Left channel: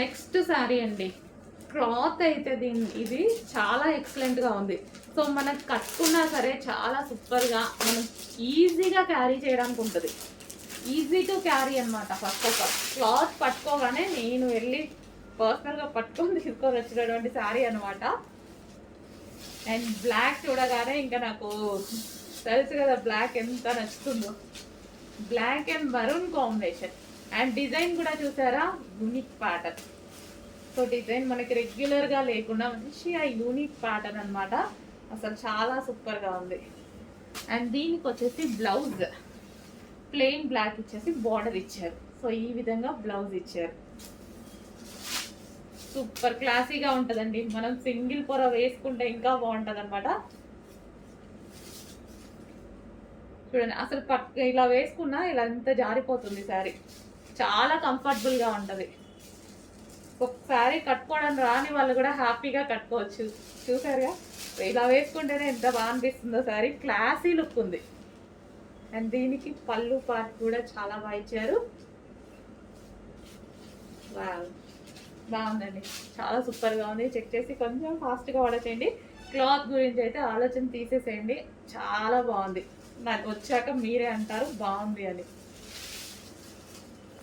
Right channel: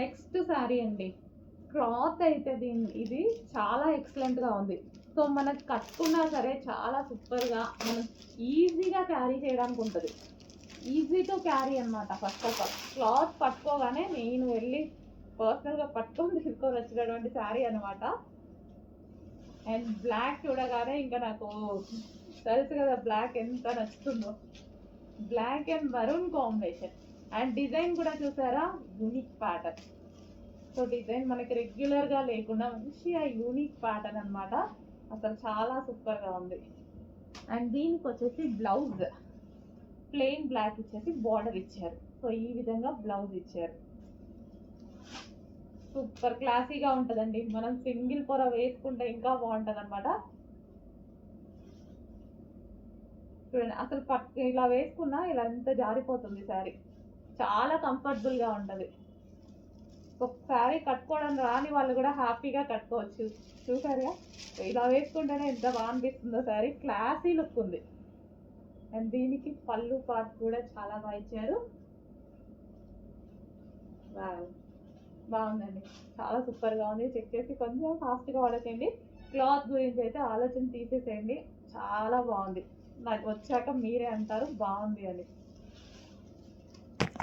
Next sari అండి. Cloth అయితే ఇది చాలా ఎక్సలెంట్గా ఉంది. సో మనం కట్టుకున్నా సరే చాలా సూపర్గా మనం ఈజీగా క్యారీ చేయడానికి ఉంటుంది. ఈజీ టు క్యారీ అనమాట. ఫస్ట్ ఆఫ్ ఆల్ క్లాత్ పట్టుకోగానే నేను వెళ్ళి పర్సనల్గా పట్టుకొని తీసుకొని వచ్చినటువంటి శారీ అనమాట. అండ్ బ్లాక్ చూడగానే ఇంకా నాకు తెలుసు కదా బ్లాక్ ఎంత నచ్చుతుందో. Black and maroon combination. And design కూడా చూసారా, యూనిక్ ప్యాటర్న్. సో డిజైన్ మనకి రెగ్యులర్గా లేకుండా మంచిగా యూనిక్ ప్యాటర్న్ అనమాట. అసలు చాలా సూపర్గా ఉంది. అండ్ దీనికి వచ్చేసి బ్లౌజ్ ప్లెయిన్ బ్లాక్ ఇచ్చేసి బార్డర్ ఇచ్చారు. సో ఈ విధంగా బ్లౌజ్ ఇచ్చారు. సూపర్ క్లాసీగా ఉంటుందండి. మనం సింగిల్ పొర వేసుకుంటే ఇంకా బాగుంటుంది అనమాట. చూడండి అసలు ఇలా వేసుకున్నా ఇలా ఎంత జారిపోతుంది శారీ. చాలా కంఫర్టబుల్గా ఉంటుంది. ఒక శారీ కట్టుకోవడం రాని వాళ్ళు కూడా హ్యాపీగా కట్టుకోవచ్చు. చూసారుగా ఇలా వేసుకుంటేనే ఎంత బాగా అనిపిస్తుందో శారీ. క్లాసీ లుక్ ఉంది. అండ్ దీనికి పళ్ళు పార్ట్ కూడా చాలా బాగా ఇచ్చారు. బాగుందండి, చాలా సూపర్గా ఉంది. చెక్ చేసి కొంచెం ఫాస్ట్గా ఆర్డర్ చేయండి. క్లాత్ గురించి అయితే ఆలోచన తీసేసేయండి. చాలా బాగుంది. నాకు వచ్చాక మీరే అంటారు బాగుంది అని.